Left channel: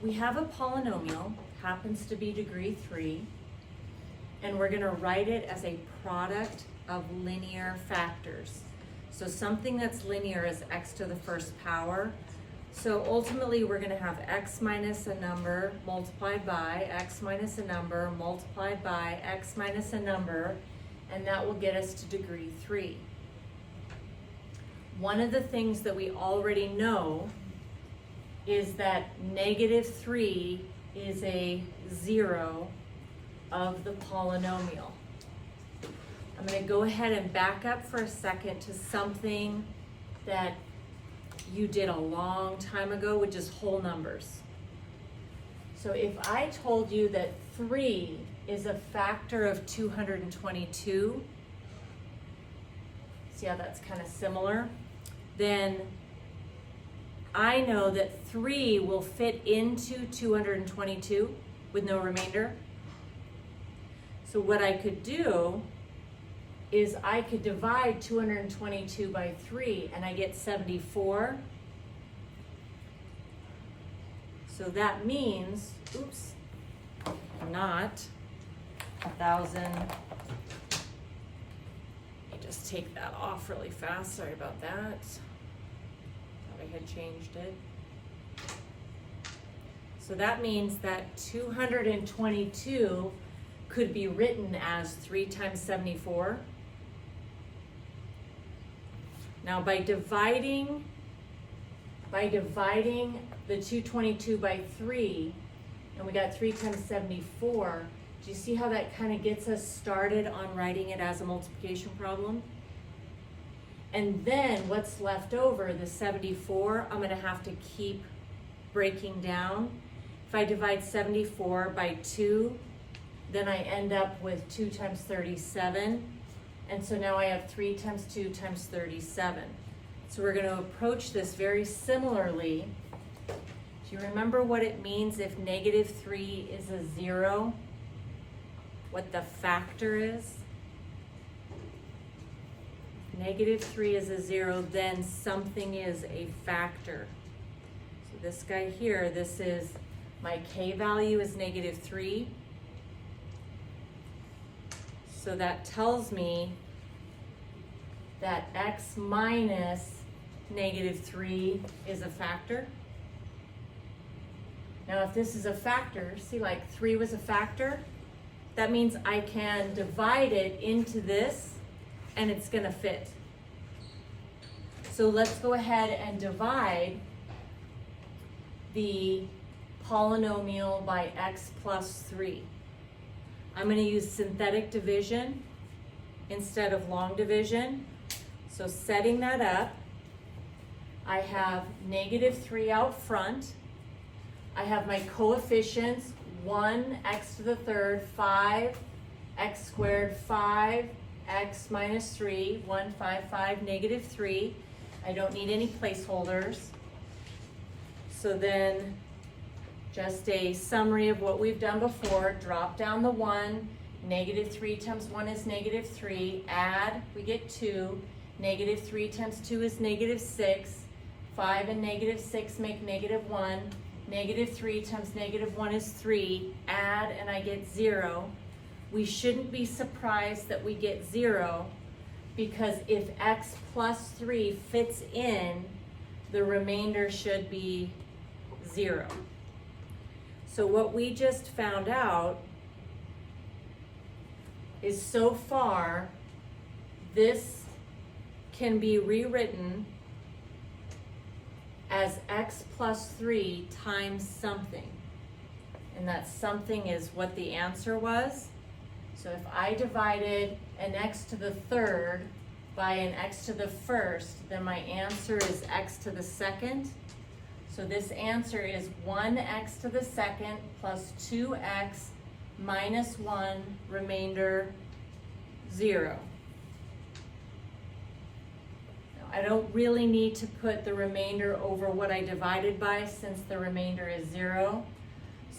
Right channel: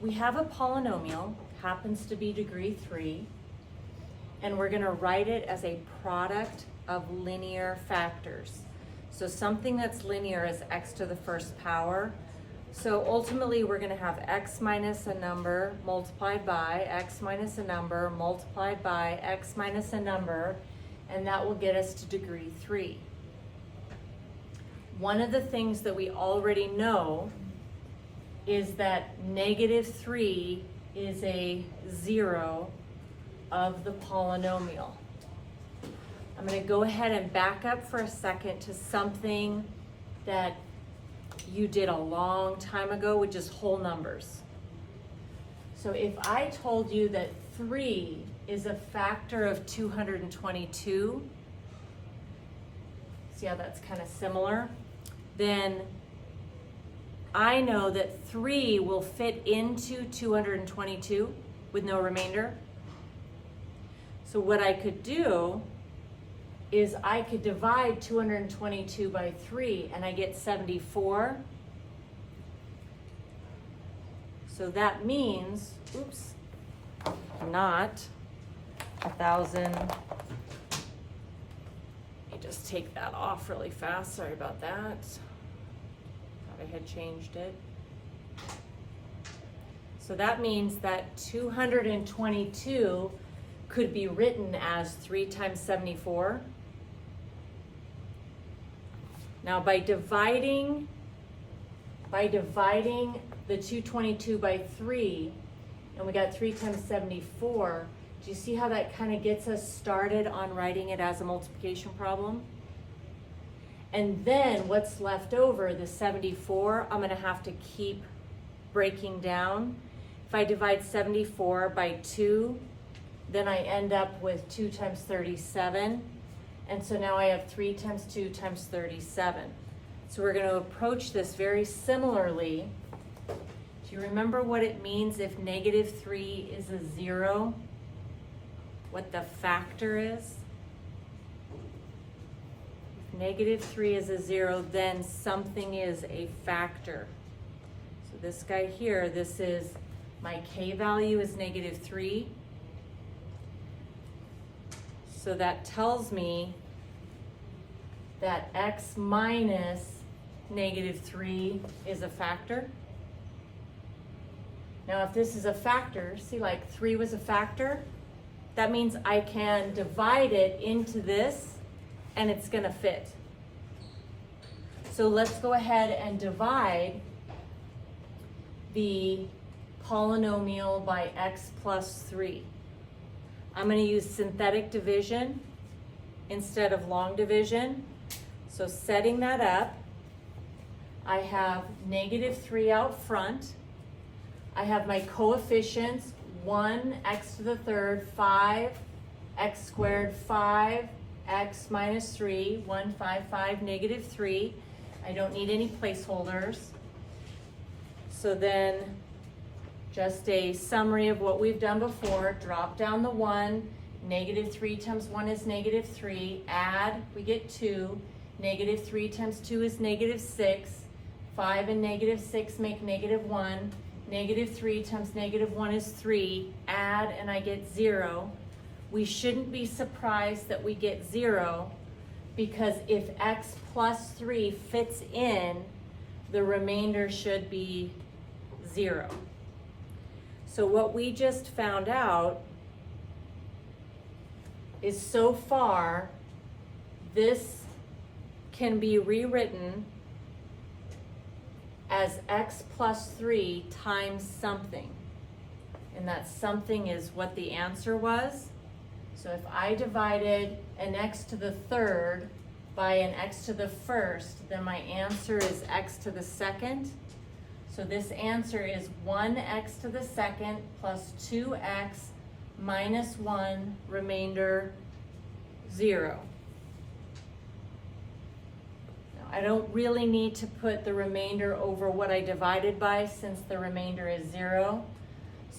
we have a polynomial, happens to be degree 3, and we're going to write it as a product of linear factors. So something that's linear is x to the first power. So ultimately we're going to have x minus a number multiplied by x minus a number multiplied by x minus a number, and that will get us to degree 3. One of the things that we already know is that negative 3 is a 0 of the polynomial. I'm going to go ahead and back up for a second to something that you did a long time ago, which is whole numbers. So if I told you that 3 is a factor of 222, see how that's kind of similar? Then I know that 3 will fit into 222 with no remainder. So what I could do is I could divide 222 by 3 and I get 74. So that means, oops, not 1,000. Let me just take that off really fast, sorry about that. Thought I had changed it. So that means that 222 could be written as 3 times 74. Now by dividing the 222 by 3, and we got 3 times 74, do you see how that kind of gets us started on writing it as a multiplication problem? And then what's left over, the 74, I'm going to have to keep breaking down. If I divide 74 by 2, then I end up with 2 times 37. And so now I have 3 times 2 times 37. So we're going to approach this very similarly. Do you remember what it means if negative 3 is a 0? What the factor is? If negative 3 is a 0, then something is a factor. So this guy here, this is my k value is negative 3. So that tells me that x minus negative 3 is a factor. Now if this is a factor, see like 3 was a factor, that means I can divide it into this and it's going to fit. So let's go ahead and divide the polynomial by x plus 3. I'm going to use synthetic division instead of long division. So setting that up, I have negative 3 out front. I have my coefficients, 1 x to the third, 5 x squared, 5 x minus 3, 1, 5, 5, negative 3. I don't need any placeholders. So then just a summary of what we've done before. Drop down the 1. Negative 3 times 1 is negative 3. Add, we get 2. Negative 3 times 2 is negative 6. 5 and negative 6 make negative 1. Negative 3 times negative 1 is 3. Add, and I get 0. We shouldn't be surprised that we get 0, because if x plus 3 fits in, the remainder should be 0. So what we just found out is so far, this can be rewritten as x plus 3 times something. And that something is what the answer was. So if I divided an x to the third by an x to the first, then my answer is x to the second. So this answer is 1x to the second plus 2x minus 1, remainder 0. Now, I don't really need to put the remainder over what I divided by, since the remainder is 0.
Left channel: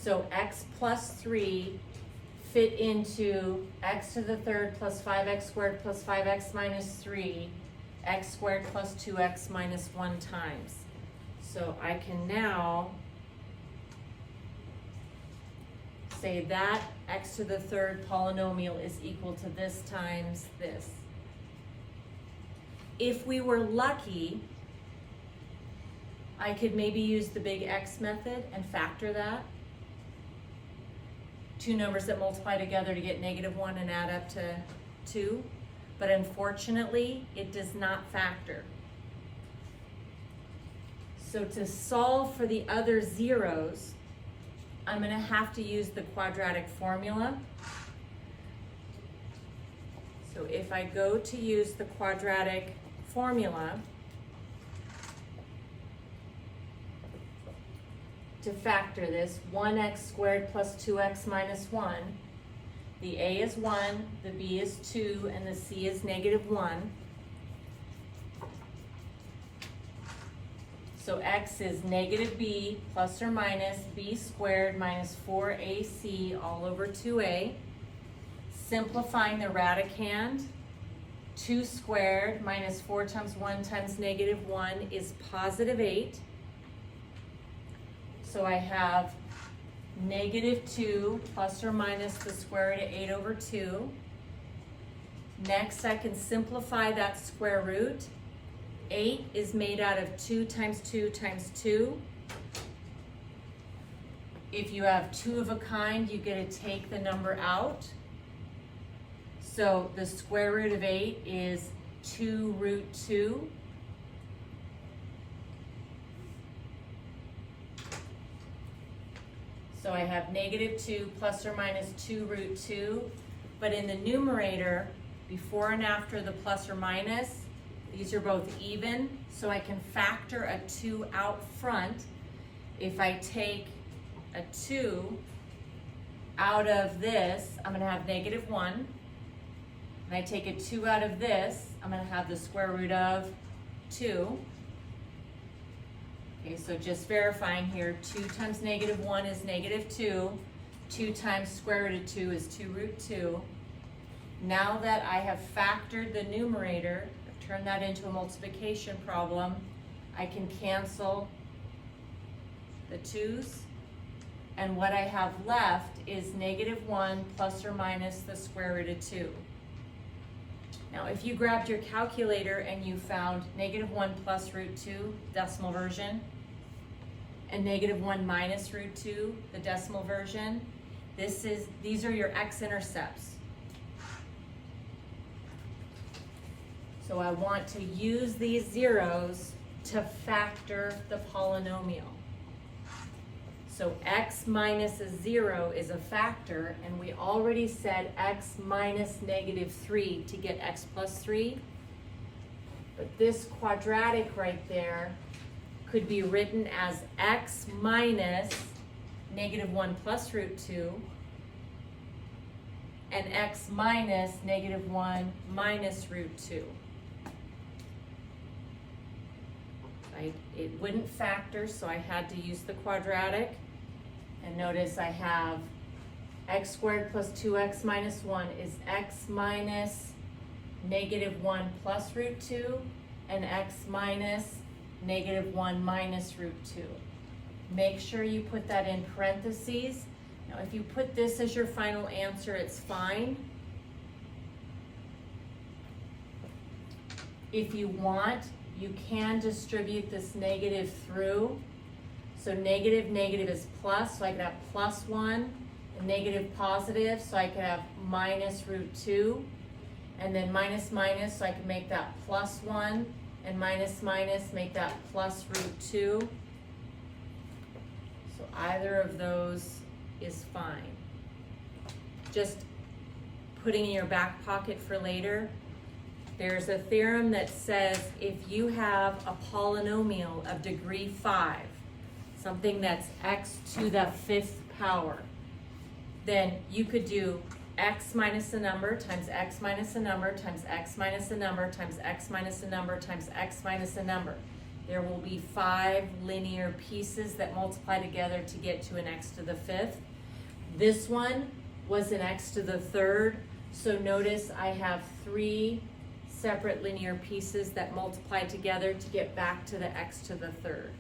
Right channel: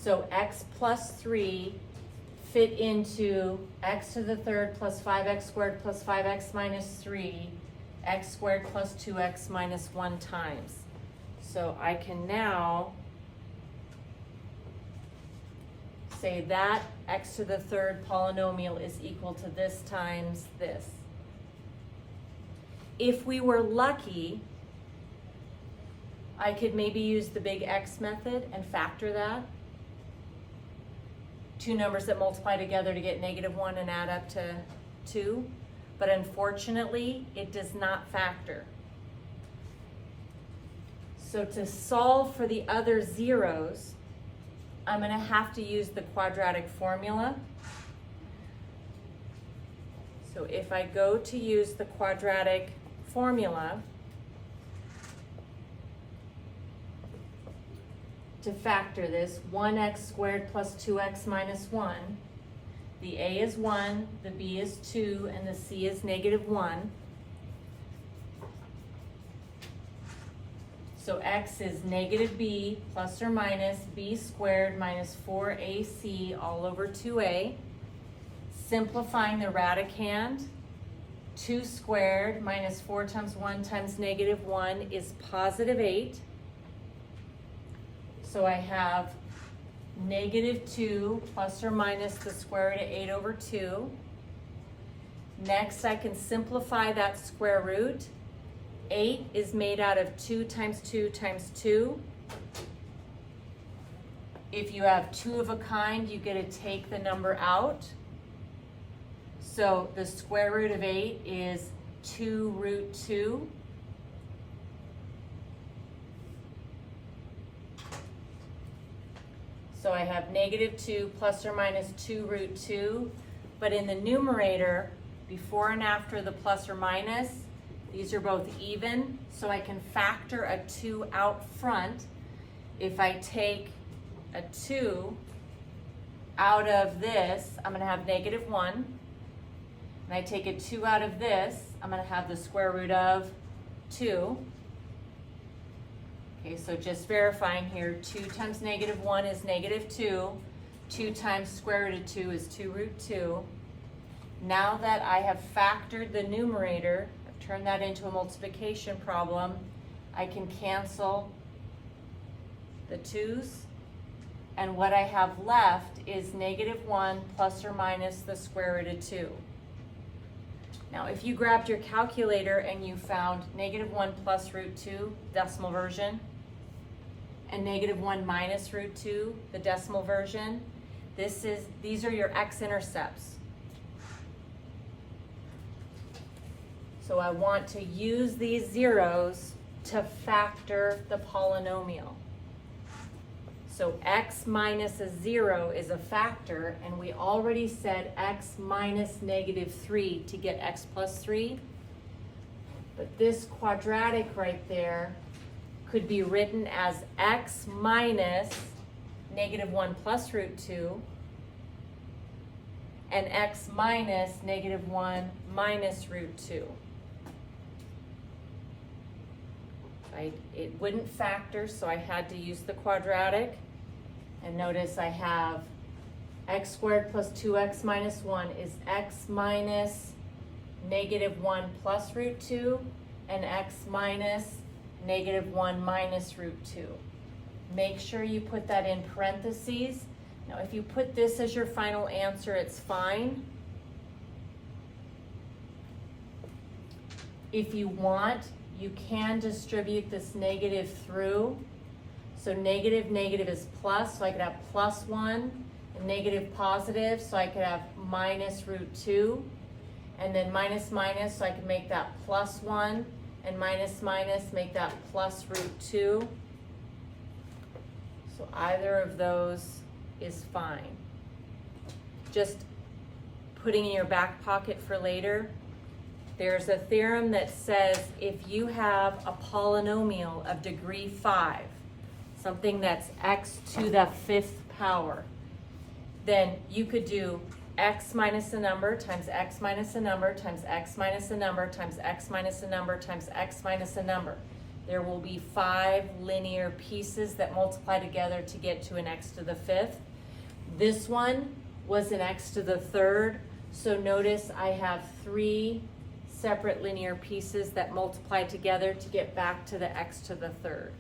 So x plus 3 fit into x to the third plus 5x squared plus 5x minus 3, x squared plus 2x minus 1 times. So I can now say that x to the third polynomial is equal to this times this. If we were lucky, I could maybe use the big X method and factor that. Two numbers that multiply together to get -1 and add up to 2. But unfortunately, it does not factor. So to solve for the other zeros, I'm going to have to use the quadratic formula. So if I go to use the quadratic formula to factor this, 1x squared plus 2x minus 1, the a is 1, the b is 2, and the c is -1. So x is -b plus or minus b squared minus 4ac all over 2a. Simplifying the radicand, 2 squared minus 4 times 1 times -1 is +8. So I have -2 plus or minus the square root of 8 over 2. Next, I can simplify that square root. 8 is made out of 2 times 2 times 2. If you have 2 of a kind, you get to take the number out. So the square root of 8 is 2 root 2. So I have -2 plus or minus 2 root 2. But in the numerator, before and after the plus or minus, these are both even, so I can factor a 2 out front. If I take a 2 out of this, I'm going to have -1. And I take a 2 out of this, I'm going to have the square root of 2. Okay, so just verifying here, 2 times -1 is -2. 2 times square root of 2 is 2 root 2. Now that I have factored the numerator, turn that into a multiplication problem, I can cancel the 2's, and what I have left is -1 plus or minus the square root of 2. Now if you grabbed your calculator and you found -1 plus root 2, decimal version, and -1 minus root 2, the decimal version, these are your x-intercepts. So I want to use these zeros to factor the polynomial. So x minus a 0 is a factor, and we already said x minus -3 to get x plus 3. But this quadratic right there could be written as x minus -1 plus root 2 and x minus -1 minus root 2. It wouldn't factor, so I had to use the quadratic. And notice I have x squared plus 2x minus 1 is x minus -1 plus root 2 and x minus -1 minus root 2. Make sure you put that in parentheses. Now if you put this as your final answer, it's fine. If you want, you can distribute this negative through. So negative is plus, so I could have +1, and negative positive, so I could have minus root 2, and then minus, so I could make that +1, and minus, make that plus root 2. So either of those is fine. Just putting in your back pocket for later. There's a theorem that says if you have a polynomial of degree 5, something that's x to the 5th power, then you could do x minus a number times x minus a number times x minus a number times x minus a number times x minus a number. There will be 5 linear pieces that multiply together to get to an x to the 5th. This one was an x to the 3rd, so notice I have 3 separate linear pieces that multiply together to get back to the x to the 3rd.